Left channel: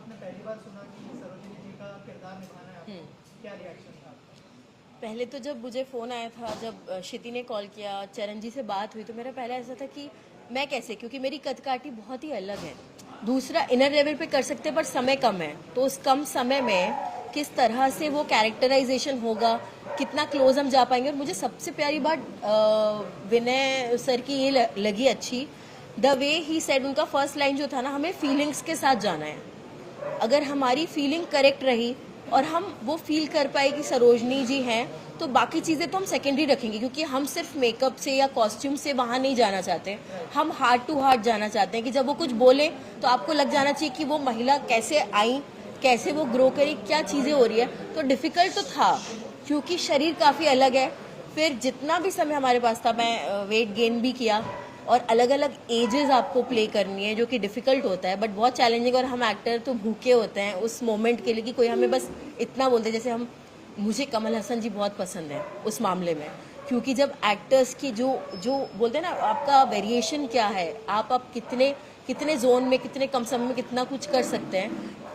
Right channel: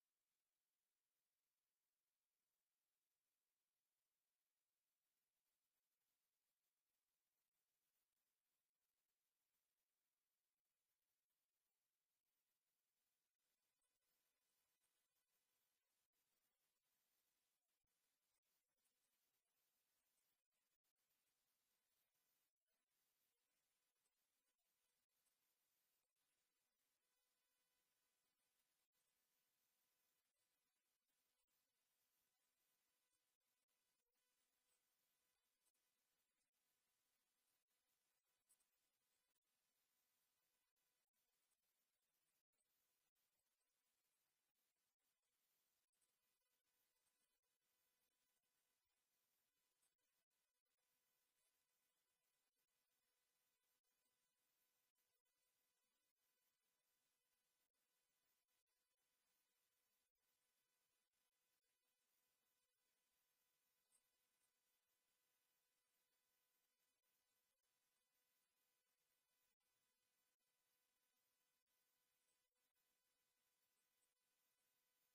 आपने पहली बार सुना कि सरोजिनी जी का किरदार निभाना है आपको, क्या रिएक्शन था आपका? पहले तो जब मुझे फ़ोन आया था, जब क्षिति ने कॉल किया, चरण जी से बात हुई, तो मेरा पहला ऐसा था कि मैं कैसे, क्योंकि मेरी कदकाठी बहुत ही अलग है। दूसरा, इनर लेवल पे कर सकते हैं पर समय कम है, तो उस कम समय में किस तरह से वो कैरेक्टराइजेशन होगा, कितना क्लोज हम जा पाएंगे। और मुझे सबसे प्यारी बात विनय सर की ये लगी अच्छी, द वे ही सेड, उनका फर्स्ट लाइन जो था ना, हमें फीलिंग्स के साथ जाना है। अगर हमारी फीलिंग करेक्ट रही और हम वो फील कर पाए कि सरोजनी जी हैं, तो बाकी चीज़ें तो हम सेकेंडरी रखेंगे, क्योंकि हम सिर्फ मेकअप से या कॉस्ट्यूम से वहाँ नहीं जाना चाहते। हम हार्ट टू हार्ट जाना चाहते हैं कि जब वो कुछ बोले तो आपको लग जाना चाहिए कि वो महिला कैसे आई, कैसे वो ग्रो करी, क्या चीज़ें हो रही है। तो डिफ़िकल्ट तो था, क्योंकि शरीर काफ़ी अलग है। फिर जितना भी समय हमारे पास था, मैं वेट गेन भी किया, और अलग अलग एजेस आपको प्ले करनी है, जो कि डिफ़िकल्ट होता है बट बहुत चैलेंजिंग। और हम एक्टर तो भूखे होते हैं उस मोमेंट के लिए कि कोई हमें बस इतना बोलते, जैसे हम, मुझे कमल हसन जी बहुत पसंद है उस मामले में, क्योंकि जब एक्टर्स की जो जो बोलते हैं ना, आपका वेरिएशन क्या है, आप कितने कितने जोन में, कितने कम समय में कितना कुछ कर सकते हैं,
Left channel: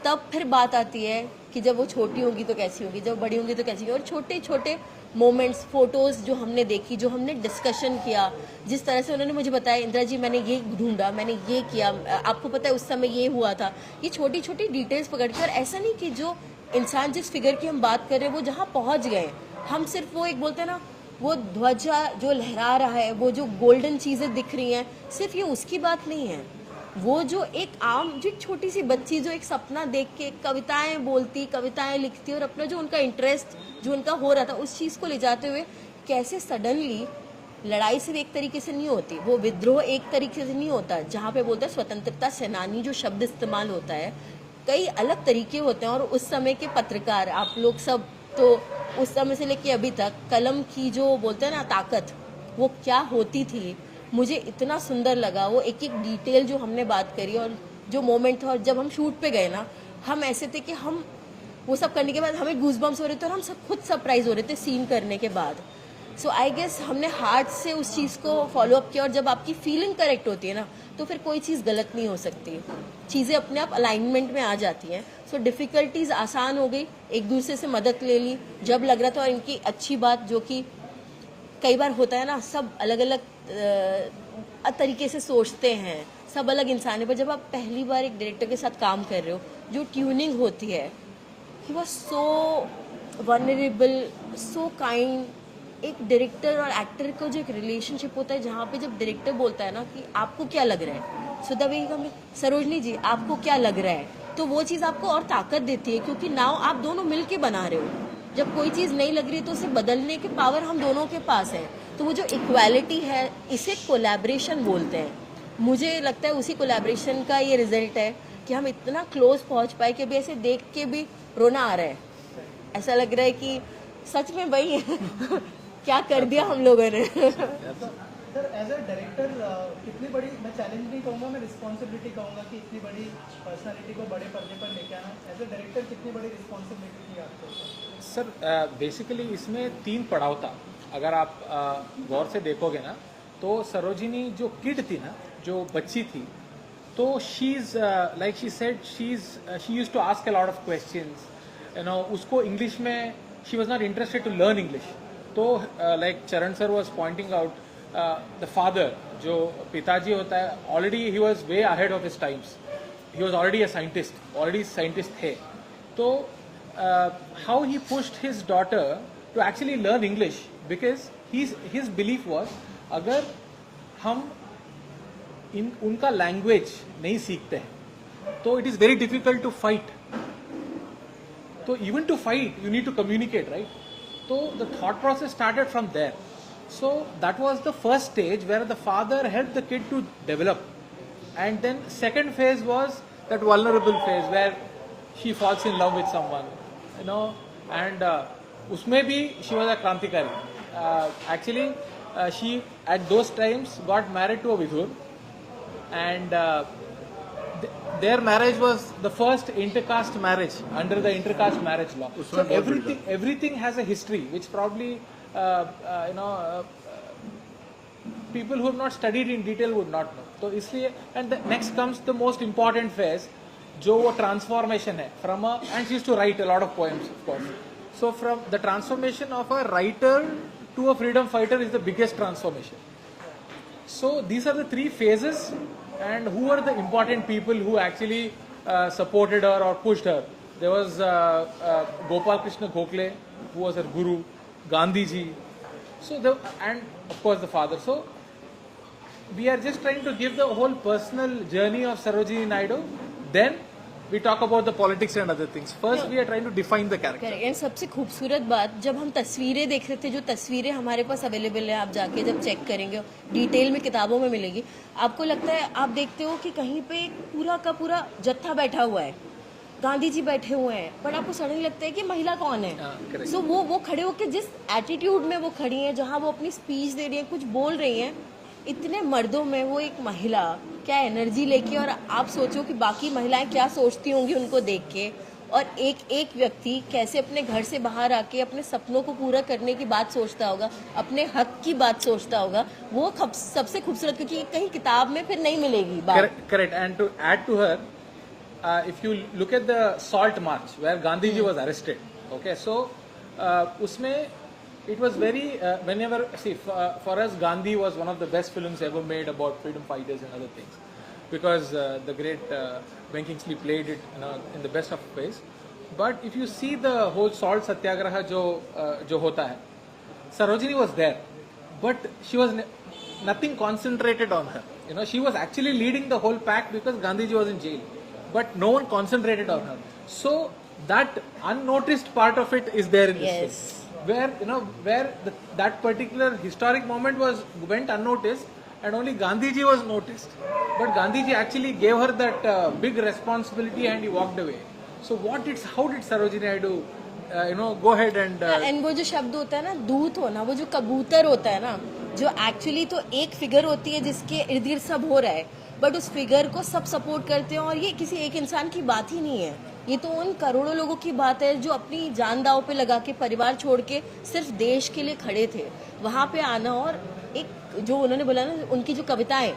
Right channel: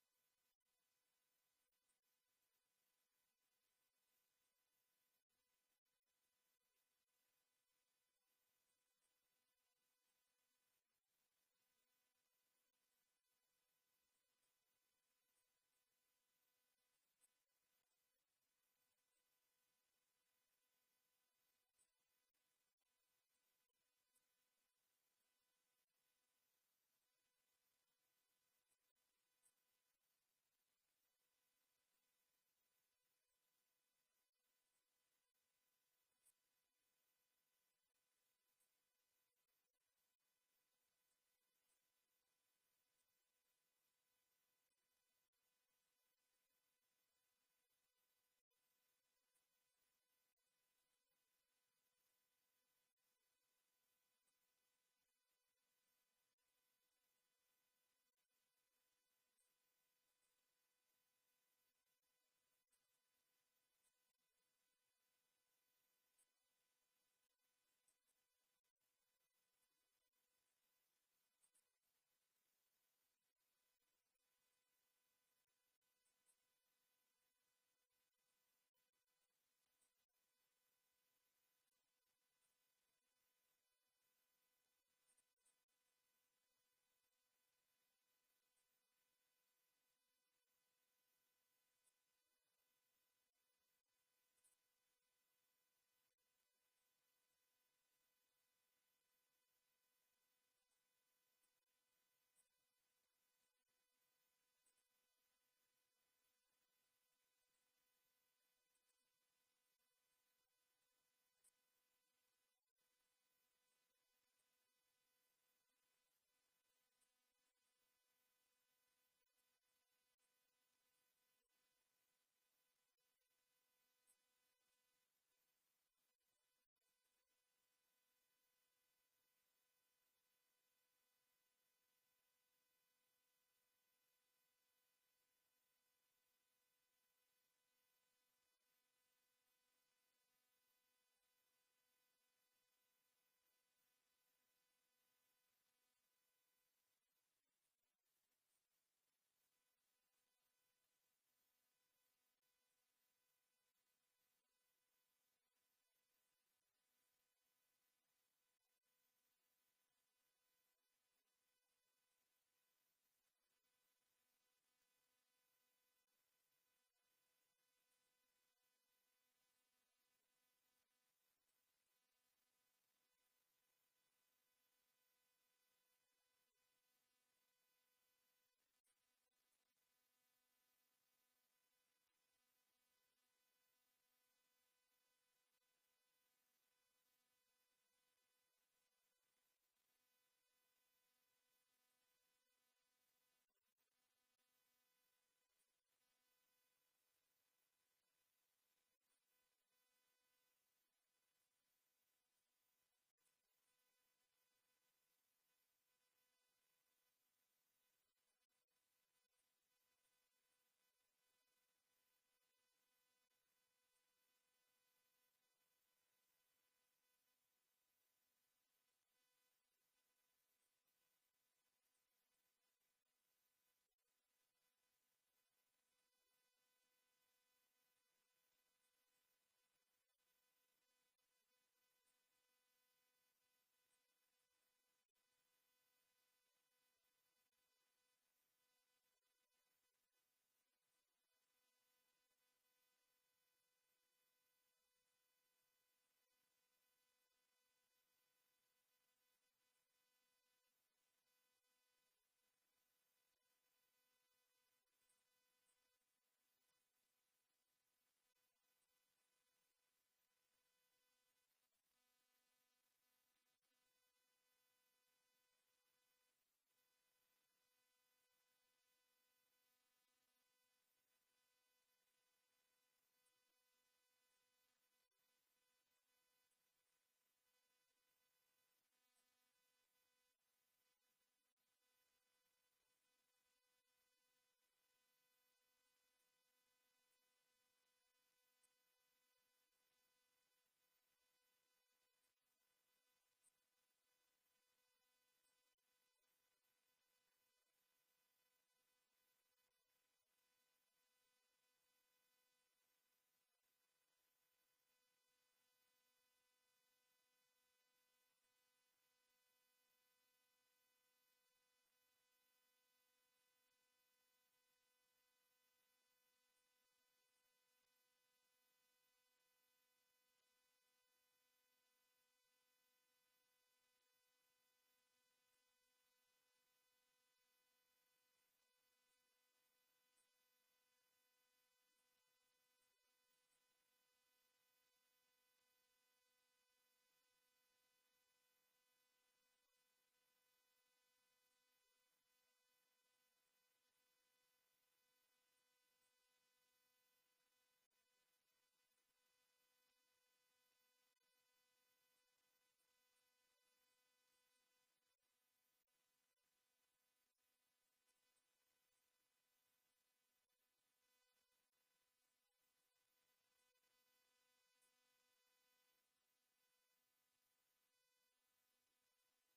तब फिर बात आती है कि जब वो छोटी होंगी तो कैसी होगी, जब बड़ी होंगी तो कैसी होगी। और छोटे छोटे मोमेंट्स, फोटोज़ जो हमने देखी, जो हमने डिस्कशन किया, जिस तरह से उन्होंने मुझे बताया, इंदिरा जी मैंने ये ढूंढा, मैंने ये किया, आपको पता है उस समय ये हुआ था, ये छोटी छोटी डिटेल्स पकड़ कर, ऐसा नहीं कि जो इंसान जिस फिगर की हम बात कर रहे हैं वो जहाँ पहुँच गए, हम सिर्फ वो एक बोलते हैं ना, वो ध्वजा जो लहरा रहा है, वो जो गोल्डन चीज़ें दिख रही हैं, सिर्फ ये उसकी बात नहीं है। वो जो एक आम, जो एक छोटी सी बच्ची जो एक सपना देख के कविताएं बोलती, कविताएं लिखती, और अपना जो उनका इंटरेस्ट जो उनका हो रहा था उस चीज़ को ले जाते हुए, कैसे सडनली लड़ाई सिर्फ एक तरीके से नहीं होती, वो विद्रोह एक तरीके से नहीं होता, जहाँ पे बोलते हैं स्वतंत्रता सेनानी जो शब्द इस्तेमाल होता है, कई अलग तरीके होते हैं। और उस समय के पत्रकार, आप लोग सब तो उस समय से लेके अभी तक कलम की जो बोलते हैं ना ताकत, वो क्या होती थी, मुझे इतना सुंदर लगा वो एक एक डिटेल जो हमने बात करी। और जो मोमेंट था, और जब हम शूट पे गए ना, हम ऐसे थे कि हम वो सब करने के बाद हमें गूजबम्स हो रहे थे, और हम सब खुद सरप्राइज हो रहे थे सीन करने के बाद। सो आई गेस हमने हार्ट से उस चीज़ को फॉलो अप किया, और जब आपकी फीलिंग करेक्ट होती है ना, तो फिर कोई चीज़ गलत नहीं हो सकती, चीज़ें अपने आप अलाइनमेंट में आ जाती हैं। सो डिफ़िकल्टीज आसान हो गई, एक दूसरे से मदद ले ली जब लग रहा था। और इनकी अच्छी बात जो कि कई बार होता है ना, सब अलग अलग तरीके से सोचते हैं, सब अलग इंसान है, पर जब आप पहली बार एक डायरेक्टर के साथ काम कर रहे हो, जो ट्यूनिंग होती है, he was so vulnerable, so kind. एक डायरेक्टर और एक्टर का जो एक रिलेशनशिप होता है, जहाँ पे जब डायरेक्टर बोलता है ना कि आपको क्या लग रहा है, सो द वे हम, सरोजनी जी आपको क्या लग रहा है, तो वो चीज़ आपको और ताकत देती है, क्योंकि नाउ आप दोनों मिल के बना रहे हो। जब कोई चीज़ नहीं लग रही तो उसे बदलने के पावर हम दोनों के पास है। तो वो जो इक्वालिटी है, इसे कोलैबोरेशन बोलते हैं। मुझे लगता है उसी कोलैबोरेशन का ये रिजल्ट है कि हम इतना क्लोज पहुंच पाए कि अभी ऐसे देख के भी रोना आ रहा है, ऐसा लग रहा है कि सच में वही है क्या कर दिया हम लोगों ने सर एज अ डायरेक्टर कितनी बड़ी, मैं चैलेंज नहीं कहूँगा, मैं रिस्पॉन्सिबिलिटी कहूँगा कि इतनी बड़ी पर्सनालिटी को बड़े पर्दे पर लेके आना, एज अ डायरेक्टर कितनी बड़ी रिस्पॉन्सिबिलिटी थी आपको? सर बेसिकली इसमें 3 पड़ाव था। अगर आप गौर से देखोगे ना, तो सरोजिनी जो किड थी ना, जो बच्ची थी, तो she is like she said, she used to ask a lot of questions, उसको इंग्लिश में she was not interested to learn English. तो like Charan sir was pointing out, the father जो पिताजी होता है, already he was way ahead of his times, he was already a scientist, already scientist थे। तो how he pushed his daughter to actually learn English, because his belief was, अगर हम उनका language नहीं सीखते हैं तो it is very difficult to fight. तो even to fight you need to communicate, right? तो the thought process started from there. So that was the first stage where the father helped the kid to develop, and then second phase was that vulnerable phase where she falls in love with someone, and usme bhi she was a krantikari. Actually, she at those times got married to a Vidur, and their marriage was the first intercaste marriage under the intercaste marriage law. So everything has a history which probably people who have not studied in detail would not know. So इसलिए, and the next comes the most important phase, जो वो transformation है from a and she used to write a lot of poems of course. So from the transformation of a writer to a freedom fighter is the biggest transformation. So these are the three phases, and who are the important people who actually supported her or pushed her? There was Gopal Krishna Gokhale, who was her guru, Gandhi ji, and of course the father. So we are just trying to give the whole personal journey of Sarojini Naidu. Then we talk about the politics and other things. First we are trying to define the character. Correct. And सबसे खूबसूरत बात, जब हम तस्वीरें देख रहे थे, जो तस्वीरें हमारे पास अवेलेबल है, आप जाके जब चेक करेंगे, डिटेल में किताबों में मिलेगी, आपको लगता है, आप देखते हो कि कहीं पे पूरा का पूरा जत्था बैठा हुआ है, गांधी जी बैठे हुए हैं, पर आपको सडनली लगता है कि महिला कौन है. correct. सो वो खड़े होकर जिस एटीट्यूड में वो खड़ी हैं, जहाँ वो अपनी स्पीच दे रही हैं, कुछ बोल रही हैं, इतने मर्दों में वो एक महिला क्या एनर्जी लेके, और आप सोचो कि बाकी महिलाएं क्या सोचती होंगी उनको देख के, और एक एक व्यक्ति कैसे अपने घर से बाहर आके अपने सपनों को पूरा करने की बात सोचता होगा, अपने हक की बात सोचता होगा. वो सबसे खूबसूरत, क्योंकि कहीं किताब में फिर नहीं मिलेगी बात. Correct. And to add to her, if you look at the Salt March where Gandhi ji was arrested, okay, so usme it was very whenever for us Gandhi was one of the best films ever made about freedom fighters and other things, because the great Ben Kingsley played it, in the best of ways. But if you see the whole salt satyagraha jo hota hai, Sarojini was there, but she was nothing concentrated on her. She was actually leading the whole pack because Gandhi ji was in jail, but no one concentrated on her. So that unnoticed part of it is there in this Yes. film, where that particular historic moment went unnoticed, and only Gandhiji was noticed. But Gandhiji actually gave her that big responsibility, and he walked away. So how did Sarojini Naidu go ahead and and वो जो शब्द होता है ना, दूत होना, वो जो कबूतर होता है ना, जो एक्चुअली तो एक फिगर होती है जिसके इर्द गिर्द सब हो रहा है, बट उस फिगर को सब सपोर्ट करते हैं, और ये किसी एक इंसान की बात ही नहीं है, ये तो उन करोड़ों लोगों की बात है जो अपनी जान दांव पे लगा के परिवार छोड़ के सिर्फ देश के लिए खड़े थे. वहाँ पे आना, और एक जो उन्होंने बोला ना, उनकी जो कविताएं,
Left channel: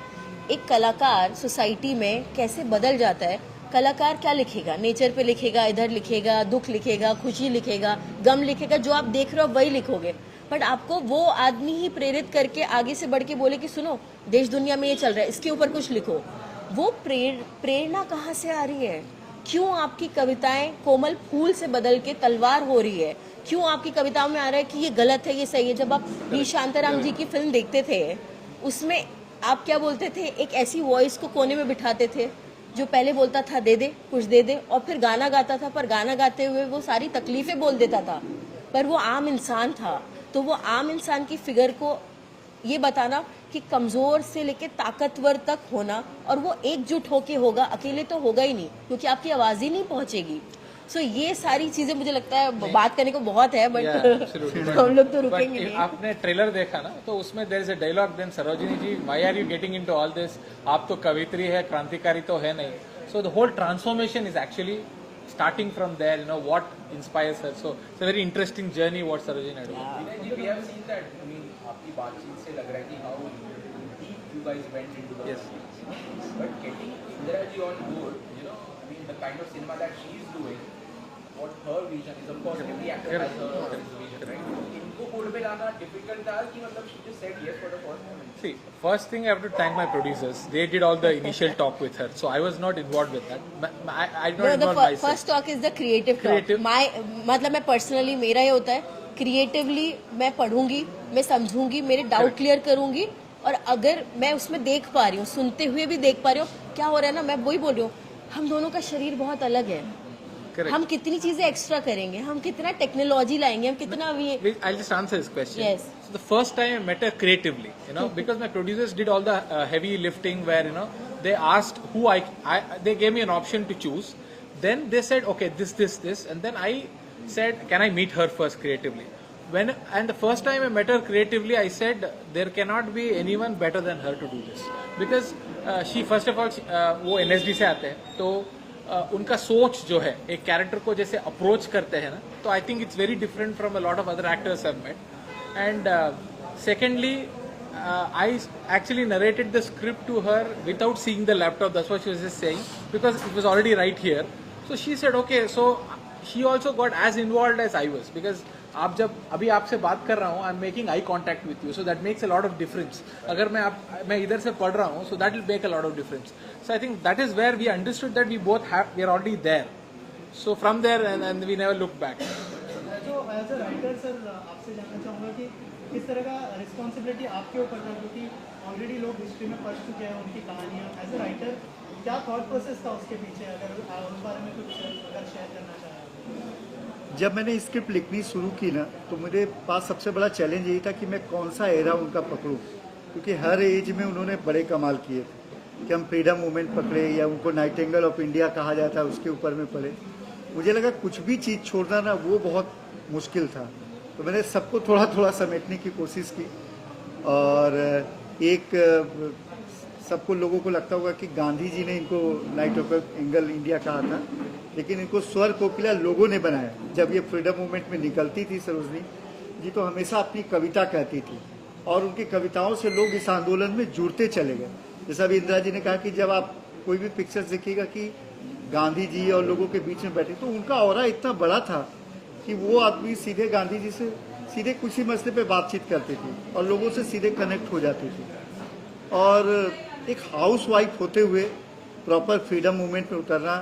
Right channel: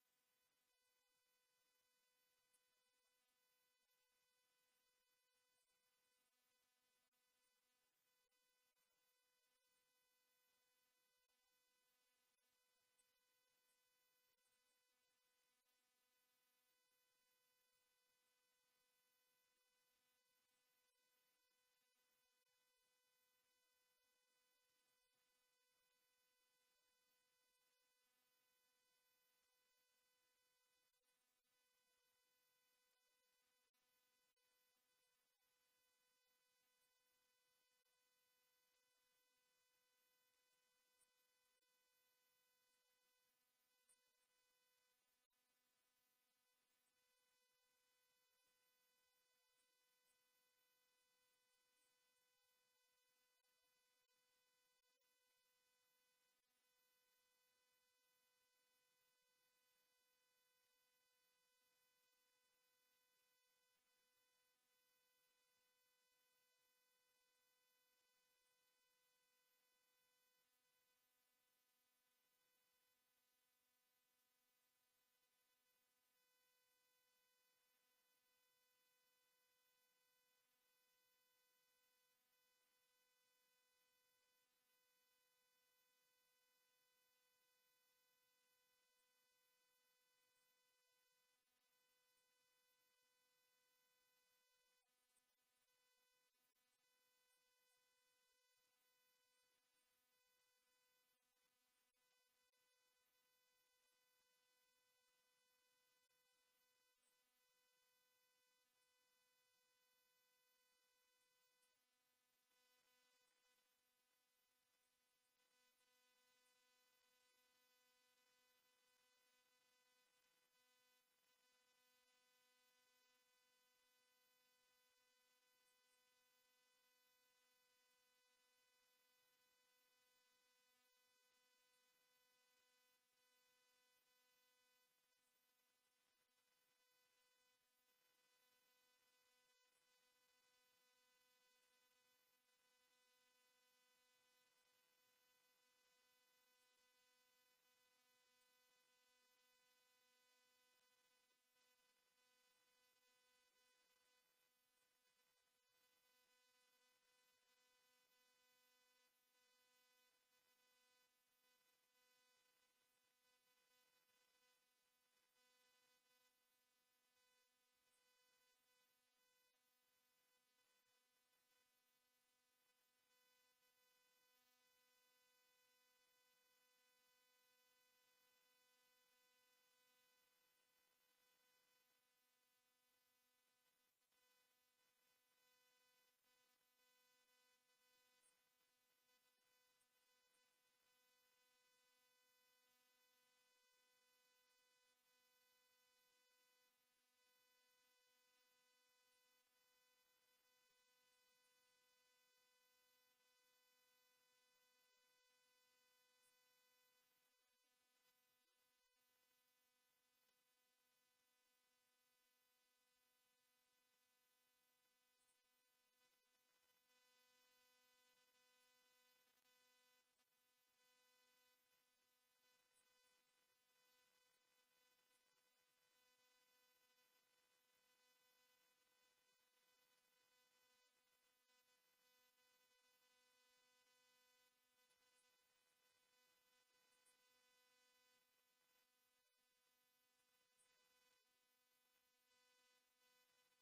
एक कलाकार सोसाइटी में कैसे बदल जाता है. कलाकार क्या लिखेगा, नेचर पे लिखेगा, इधर लिखेगा, दुख लिखेगा, खुशी लिखेगा, गम लिखेगा, जो आप देख रहे हो वही लिखोगे, बट आपको वो आदमी ही प्रेरित करके आगे से बढ़ के बोले कि सुनो, देश दुनिया में ये चल रहा है, इसके ऊपर कुछ लिखो. वो प्रेरणा कहाँ से आ रही है? क्यों आपकी कविताएं कोमल फूल से बदल के तलवार हो रही है? क्यों आपकी कविताओं में आ रहा है कि ये गलत है, ये सही है? जब आप वी शांताराम जी की फिल्म देखते थे, उसमें आप क्या बोलते थे, एक ऐसी वॉइस को कोने में बिठाते थे जो पहले बोलता था दे दे कुछ दे दे, और फिर गाना गाता था, पर गाना गाते हुए वो सारी तकलीफें बोल देता था, पर वो आम इंसान था. तो वो आम इंसान की फिगर को ये बताना कि कमजोर से लेके ताकतवर तक होना, और वो एकजुट होके होगा, अकेले तो होगा ही नहीं, क्योंकि आपकी आवाज ही नहीं पहुंचेगी. सो ये सारी चीजें मुझे लगता है बात करने को बहुत है, बट हम लोग तो रुकेंगे नहीं. आपने ट्रेलर देखा ना, तो उसमें there is a dialogue, then Sarojini ji, why are you getting into all this, आप तो कवित्री है, क्रांतिकारी तो है नहीं. So the whole transformation is actually starting from there, what inspires her. So it's a very interesting journey what Sarojini Naidu. We have seen that. I mean, आपकी बातचीत से लग रहा है कि how deep you guys went into the Yes. But getting Indira ji on board, I mean, the kind of cinema that she is doing, what her vision is, of course, every actor has her vision, right? इनको बोल पे लाना difficult था कि मतलब she just said yes for the first moment. See, first thing I have to thank my producers. They did all the initial talk with her, so I was not involved with that. I did not involve myself. First talk is the creative Creative. मतलब मैं personally, मेरा ये होता है, creatively मैं पढ़ूंगी, मैं समझूंगी, मेरे doubt clear करूंगी, और अगर मैं उसमें देख पा रही हूँ, सुनते हुए भी देख पा रही हूँ क्या हो रहा है ना, मैं वही बोल रही हूँ, हम दोनों का शरीर बहुत अलग है. Correct. हम कितनी चीजें एक्स्ट्रा करेंगे, हम कितना टेक्नोलॉजी लाएंगे, हम कितना भी. I'll just answer this question. Yes. So the first time I met her creatively, because my producers did all the heavy lifting where, they asked who they gave me an option to choose. Then they said, okay, this, and then I said, can I meet her first creatively? And the first time I met her creatively, I said, there cannot be anyone better than her to do this. Because she, first of all, वो NSD से आते हैं, तो उनका सोच जो है एक कैरेक्टर को जैसे अप्रोच करते हैं ना, तो I think it's very different from a lot of other actors I have met. And secondly I actually narrated the script to her without seeing the laptop. That's what she was just saying, because it was already right here. So she said, okay. So she also got as involved as I was, because आप जब अभी आपसे बात कर रहा हूँ, I am making eye contact with you, so that makes a lot of difference. अगर मैं इधर से पढ़ रहा हूँ, so that will make a lot of difference. So I think that is where we understood that we both have, we are already there. So from there and we never look back. तो as a writer sir आपसे जानना चाहूँगा कि किस तरह का responsibility आपके ऊपर था, क्योंकि ऑलरेडी लोग हिस्ट्री में पढ़ चुके हैं उनकी कहानियाँ. एज अ राइटर क्या थॉट प्रोसेस था उसके पीछे, अगर उस बारे में कुछ अगर शेयर करना चाहें? जब मैंने स्क्रिप्ट लिखनी शुरू की ना, तो मेरे पास सबसे बड़ा चैलेंज यही था कि मैं कौन सा एरा उनका पकड़ूं, क्योंकि हर एज में उन्होंने बड़े कमाल किए थे. कि हम फ्रीडम मूवमेंट पकड़े या उनको नाइटिंगेल ऑफ इंडिया कहा जाता है उसके ऊपर में पढ़े. मुझे लगा कुछ भी चीज़ छोड़ना ना वो बहुत मुश्किल था. तो मैंने सबको थोड़ा थोड़ा समेटने की कोशिश की. और एक सबको लोगों को लगता होगा कि गांधी जी ने इनको नाइट ऑफ एंगल इंडिया कहा था, लेकिन इनको स्वर कोकिला लोगों ने बनाया. जब ये फ्रीडम मूवमेंट में निकलती थी सरोजनी जी, तो हमेशा अपनी कविता कहती थी, और उनकी कविताओं से लोग इस आंदोलन में जुड़ते चले गए. जैसा अभी इंदिरा जी ने कहा कि जब आप कोई भी पिक्चर्स देखिएगा कि गांधी जी और लोगों के बीच में बैठे, तो उनका ऑरा इतना बड़ा था कि वो आदमी सीधे गांधी जी से सीधे किसी मसले पे बातचीत करते थे और लोगों से सीधे कनेक्ट हो जाते थे. और एक हाउस वाइफ होते हुए प्रॉपर फ्रीडम मूवमेंट में उतरना,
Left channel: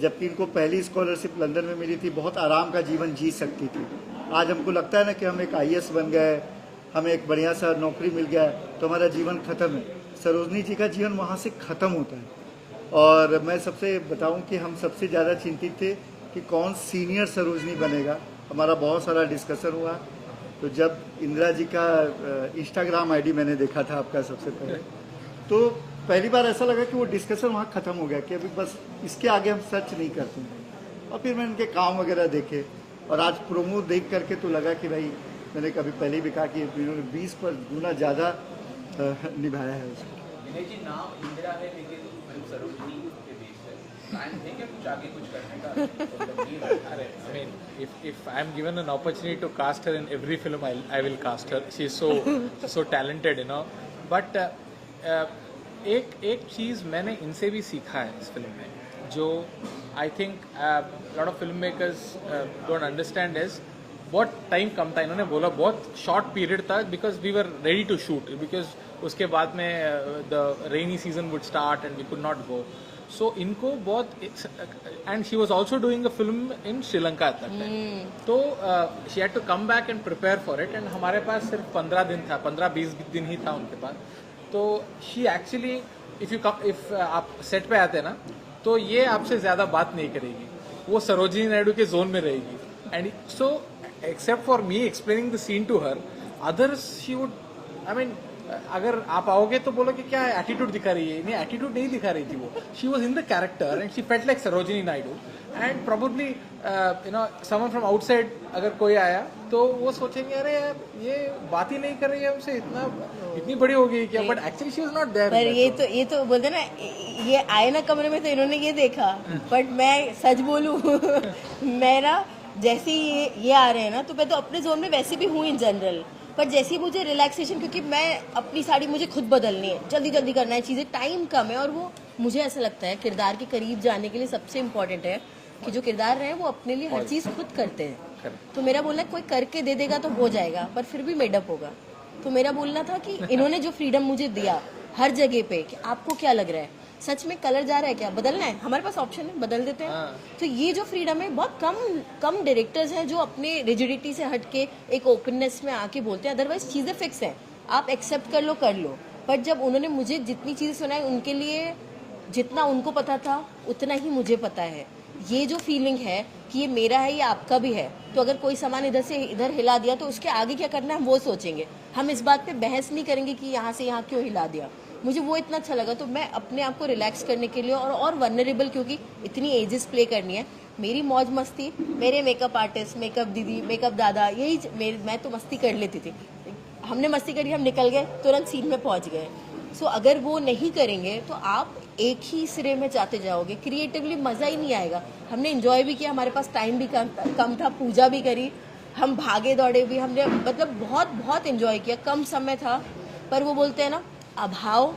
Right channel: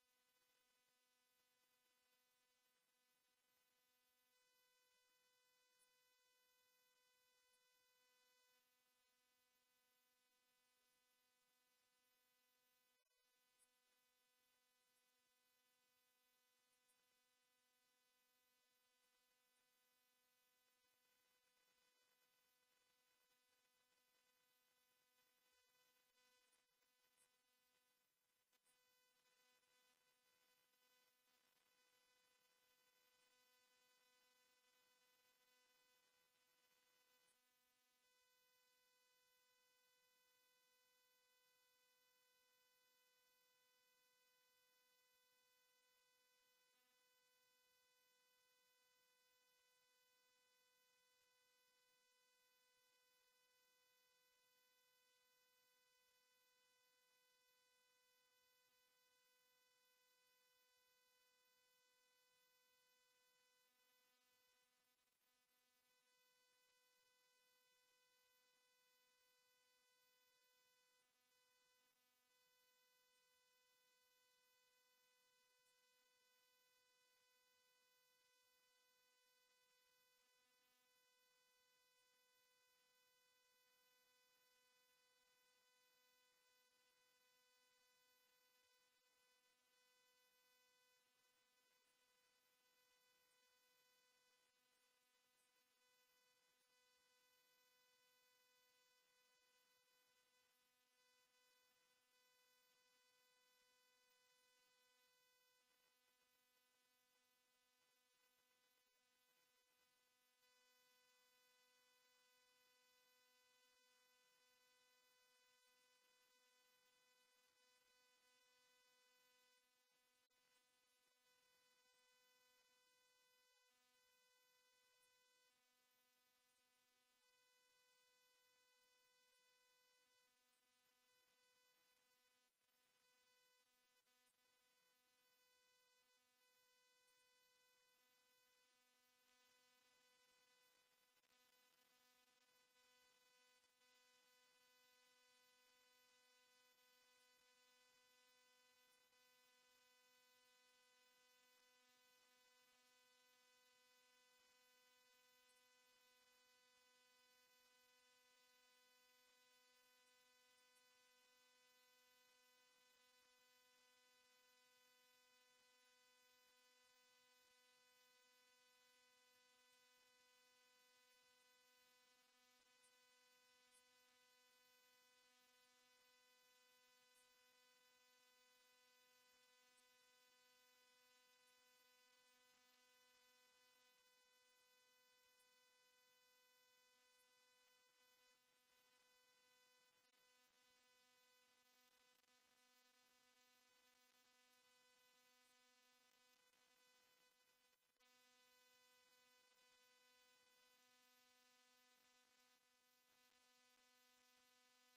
जबकि इनको पहली स्कॉलरशिप लंदन में मिली थी, बहुत आराम का जीवन जी सकती थी. आज हमको लगता है ना कि हम एक IAS बन गए, हमें एक बढ़िया सा नौकरी मिल गया, तो हमारा जीवन खत्म है. सरोजनी जी का जीवन वहाँ से ख़त्म होता है. और मैं सबसे बताऊं कि हम सबसे ज़्यादा चिंतित थे कि कौन सीनियर सरोजनी बनेगा. हमारा बहुत सारा डिस्कशन हुआ. तो जब इंदिरा जी का इंस्टाग्राम ID मैंने देखा था आपका सबसे पहले, तो पहली बार ऐसा लगा कि वो डिस्कशन वहाँ ख़त्म हो गया कि अभी बस इसके आगे हम सर्च नहीं करते हैं. और फिर मैंने उनके काम वगैरह देखे, और आज प्रोमो देख करके तो लगा कि भाई, मैंने कभी पहले भी कहा कि इन्होंने 20 पर गुना ज़्यादा निभाया है उसको. विनय जी, नाम इंदिरा है लेकिन फिल्म सरोजनी के बेस है. प्लान है क्या कुछ आगे कुछ करने का? अरे, I mean, if I am given an opportunity to cast her in every film, I will cast her. She is so talented, you know. But एक चीज़ मैंने इनसे भी सीखा है इस फिल्म में, जो I think lot of film makers don't understand is बहुत टाइम कम था. इन्होंने बोला बहुत शॉर्ट पीरियड था, because we were ready to shoot, because उसके बाद में the rainy season would start and we could not go. So इनको बहुत, and she was also doing a film in Sri Lanka at that time. तो she had to come back and prepare for it. And हमारे पास सिर्फ 15 दिन था, 15-20 दिन ही था उनके पास. तो शी एक्चुअली, इफ आप सेट पे आते ना, तो ये आपसे ज़्यादा बात नहीं करेगी, वो सरोजिनी नायडू के जोन में रहेगी. And so except for me explaining the scene to her, others she would, I mean, अगर आप आओगे तो बोलो कि क्या एटीट्यूड दिखा रही है. नहीं, एटीट्यूड नहीं दिखा रही थी वो. She was in the character and she felt like Sarojini Naidu. And probably you know someone from outside अगर कोई आया तो वो सोचेंगे, अरे यार ये बात ही नहीं कर रही है हमसे, इतनी बड़ी हो गई क्या. But actually she was not there. पर ये तो बोलते ना, ये आए ना कमरे में तो इन्होंने ये देखा. बट मैं सच बोलूं मैं ना, जैसे ये आ रहे हैं ना, तो मैं तो अपने जोन में वैसे भी हूँ इन जनरल. पर जैसे ही मुझे रिलैक्सेशन, क्योंकि मैं अपनी साड़ी मुझे खुद बदलनी है, जल्दी जल्दी करना है चीज़ें, टाइम कम है. और वो मुझे ऐसा लगता है किरदार के करीब जाने के लिए सबसे इम्पोर्टेंट है कि जो किरदार रहे हैं वो अपने लिए हर चीज़ खुद करते हैं. तो मेरा बोलना है कोई करके दे देगा तो हो जाएगा, पर फिर भी मेडअप होगा. तो मेरा बोलना था कि इन्होंने जो फ्रीडम मुझे दिया हर जगह पे, कि आपको क्या लग रहा है, सच में कलर जा रहा है क्या, बदलना है, हमारे पास ऑप्शन है, बदल देते हैं. तो ये जो फ्रीडम है, बहुत कम डायरेक्टर्स हैं जो अपने रिजिडिटी से हट के एक ओपननेस में आके बोलते हैं. अदरवाइज चीज़ें फिक्स हैं, आप एक्सेप्ट कर लो. बट जब उन्होंने मुझे जितनी चीज़ें सुनाई, उनके लिए जितना उनको पता था उतना ही मुझे पता है. ये जो फीलिंग है कि ये मेरा है, ये आपका भी है, तो अगर कोई सामान इधर से इधर हिला दिया तो उसके आगे क्या करना है हम वो सोचेंगे. हम इस बात पे बहस नहीं करेंगे कि यहाँ से यहाँ क्यों हिला दिया. मुझे वो इतना अच्छा लगा. तो मैं अपने आप को रिलैक्स करने के लिए और वनरेबल, क्योंकि इतनी एजेस प्ले करनी है, मेरी मौज मस्ती, मेरे मेकअप आर्टिस्ट, मेकअप दीदी, मेकअप दादा, यही मैं तो मस्ती कर लेती थी. हमने मस्ती करी, हम निकल गए, तुरंत सीन में पहुंच गए. सो अगर वो नहीं करेंगे तो आप एक ही सिरे में जाते जाओगे, क्रिएटिवली मज़ा ही नहीं आएगा. हमने इन्जॉय भी किया, हमारे पास टाइम भी कम था, पूजा भी करी, हम भागे दौड़े भी, हमने मतलब बहुत बहुत इन्जॉय किया. कम समय था पर वो बोलते हैं ना, अभाव,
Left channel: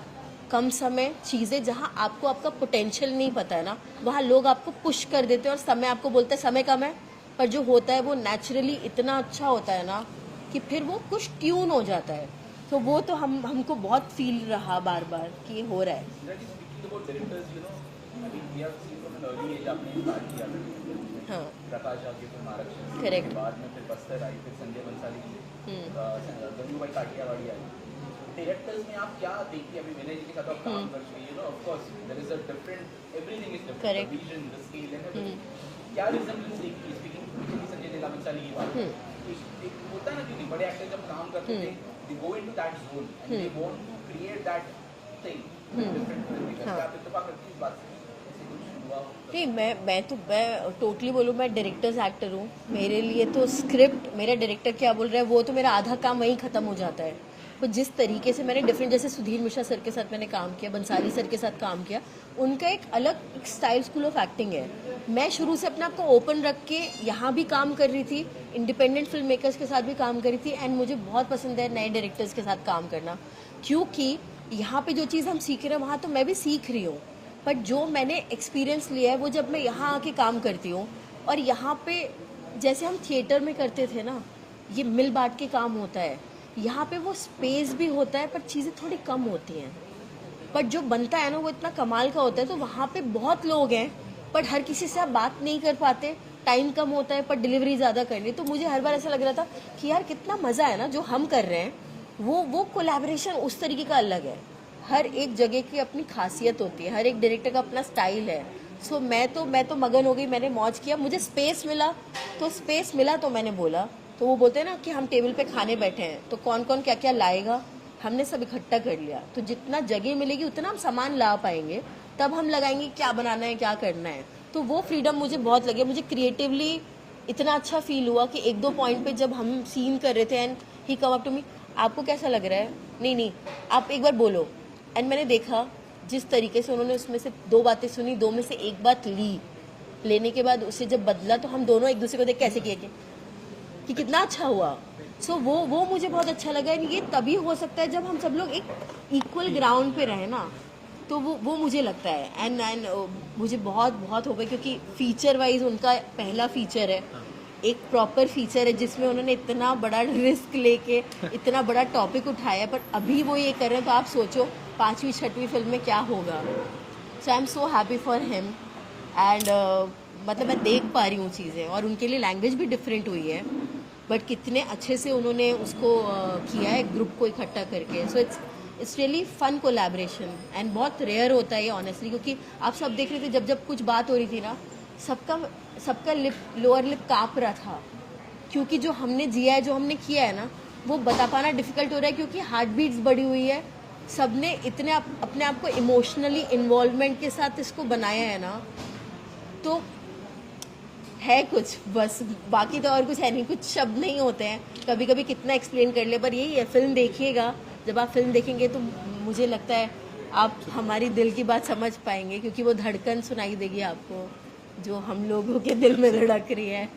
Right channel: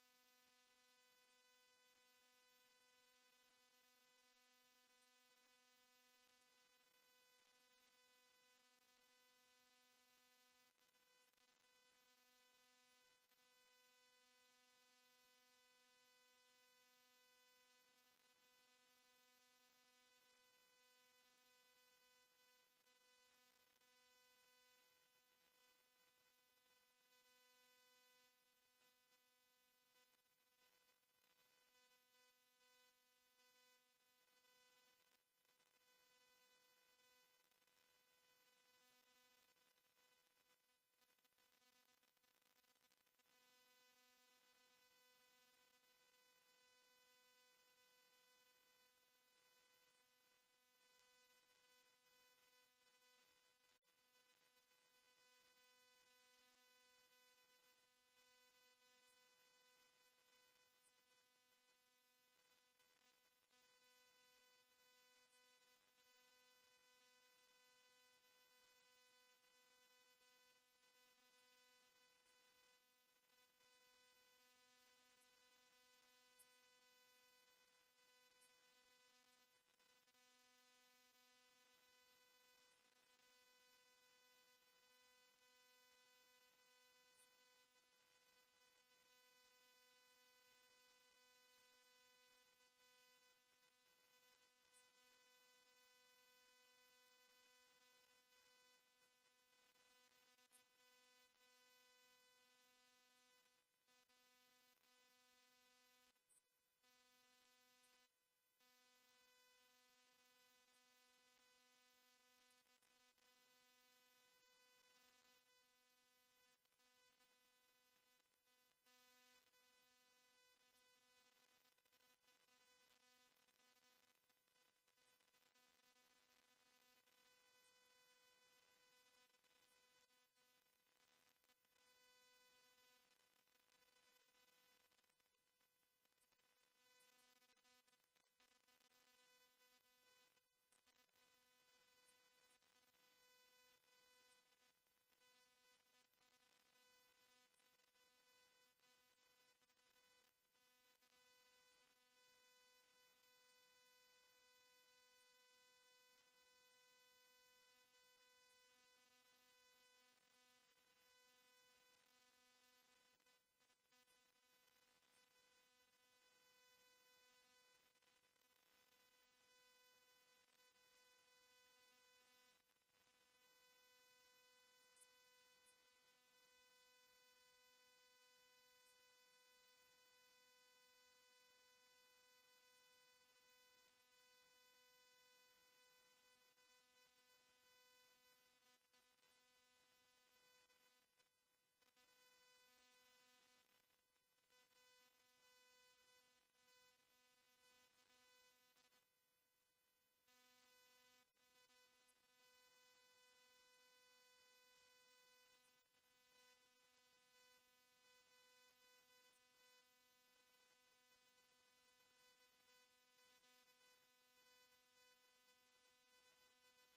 कम समय, चीज़ें जहाँ आपको आपका पोटेंशियल नहीं पता है ना, वहाँ लोग आपको पुश कर देते हैं और समय आपको बोलते हैं समय कम है, पर जो होता है वो नेचुरली इतना अच्छा होता है ना कि फिर वो कुछ ट्यून हो जाता है। तो वो तो हमको बहुत फील रहा बार बार कि ये हो रहा है। Speaking about directors, I mean, we have seen from an early age आपने स्टार्ट किया हाँ, प्रकाश झा की फिल्म आरक्षण, Correct. बाद में फिर बस्तर आई, फिर संजय बंसाली की गंगू भाई काठियावाड़ी आई। डायरेक्टर्स में आप क्या देखते हैं? अभी विनय जी के साथ आप काम कर चुके हैं, of course there is a different, everything is different, Correct. The vision, the scale and everything. क्या रिजेंबलेंस देखी? स्पीकिंग संजय लीला बंसाली की बात, एक होता है ना, क्योंकि बड़े एक्टर जब काम करते थे, they go into that zone and they want to create that thing different film. क्या आप इत्तेफाक करती हैं इस बात से? ऐसे कुछ हुआ? नहीं, मैं टोटली बोलूँ, मैं डायरेक्टर्स एक्टर हूँ। मेरे लिए तो स्क्रिप्ट, मेरा डायरेक्टर क्या बोल रहा है वो तो मेरा आधा काम वहीं ख़त्म हो जाता है। तो जिस तरीके से मैंने डिफरेंट, जैसे सुधीर मिश्रा सर के साथ मैंने काम किया, बंसाली सर के साथ काम किया, उनका एक अलग एक स्टाइल, स्कूल ऑफ एक्टिंग है। मैं शुरू से अपने आप को ओपन रख के यहाँ भी काम कर रही थी, इंडिपेंडेंट फिल्म मेकर्स के साथ भी काम कर रही थी, एंड मुझे बहुत पसंद है नए डायरेक्टर्स के साथ काम करना, क्योंकि यहाँ पे जो चीज़ हम सीख रहे हैं वहाँ तो मैं भी सीख रही हूँ, बट जो मैंने एक्सपीरियंस लिया है वो जब मैं यहाँ आके काम करती हूँ, और यहाँ पे जैसे हम थिएटर में करते थे ना, ये मिल बांट के काम होता है, यहाँ पे वो स्पेस भी होता है पर चीज़ें थोड़ी कम होती हैं, बट जो बनता है ना वो इतना कमाल का होता है। तो वहाँ पे बहुत लोग हैं बट हर किसी से आप बात नहीं कर पाते, टाइम कम होता है पर डिलीवरी ज़्यादा करनी। तो मुझे हर बार ऐसा लग रहा था कि यार कितना मज़ा है ना जो हम कर रहे हैं, वो कोलैबोरेशन उस तरीके का अलग है। हर एक जगह की अपनी खासियत होती है, हर एक डायरेक्टर का अपना स्टाइल है। सो मैं तो मगन हो गई, मैंने मौज किया, मुझे स्पेस मिला तो मैंने बोला। तो वो बोलते हैं ना कि हम टेबल पे खाने बैठे हैं तो कौन कौन क्या क्या लाएगा, हमने सब इकट्ठा कर लिया। तो जितना जगह मिलेगी उतना हम सामान ला पाएंगे, तब हम लगाएंगे क्या बनाना है क्या करना है। तो वो फ्रीडम मुझे बहुत लगे, मुझे क्रिएटिवली इतना अच्छा फील हुआ कि एक दो पॉइंट पे जब हम सीन कर रहे थे and he come up to me, आपको कैसा लग रहा है, नहीं आप एक बार बोलो। एंड मैंने देखा जिस तरीके से उन्होंने उसमें से दो बातें सुनी, दो में से एक बात लेने के बाद उसे जब बदला तो हम दोनों एक दूसरे को देख कैसे किए कि कितना अच्छा हुआ। सो वो मुझे बहुत अच्छा लगा। ये तभी हो सकता है जब हम सब लोग एक इक्वल ग्राउंड पे रहें ना, तो वो मुझे लगता है। एंड मुझे बहुत हो गया क्योंकि फीचर वाइज उनका पहला फीचर है, एक प्रॉपर फीचर है जिसमें उन्होंने इतना बड़ा रिस्क लेके इतना बड़ा टॉपिक उठाया, पर अभी वो ये कर रहे हैं तो आप सोचो 5वीं 6वीं फिल्म में क्या होगा। So I am so happy for him. And मतलब मैं देख पा रही हूँ चीज़ें, और उनके लिए लैंग्वेज भी डिफरेंट हुई है, बट कितने अच्छे से उन्होंने उसको किया है ग्रुप को इकट्ठा करके। So it's really fun collaboration and बहुत रेयर होता है ये ऑनेस्टली, क्योंकि आप सब देख रहे थे जब कुछ बात हो रही थी ना, सबका लोअर लिप काँप रहा था, क्योंकि जो हमने जिया है, जो हमने किया है ना, वो बता पाना डिफिकल्ट हो रहा है क्योंकि हार्ट बीट्स बढ़ी हुई है। सबने इतने अपने आप को इमोशनली इन्वॉल्वमेंट के साथ इसको बनाया है ना, तो है कुछ बस, बाकी तो और कुछ है नहीं, कुछ शब्द नहीं होते हैं। कभी कभी कितना एक्सप्लेन कर ले, पर यही है, फिल्म देखिएगा, जब आप फिल्म देखेंगे तो मुझे लगता है आप हमारी दिल की बात समझ पाएंगे, क्योंकि वो धड़कन सुनाई देगी आपको जो हम लोगों के दिल में धड़क रही है।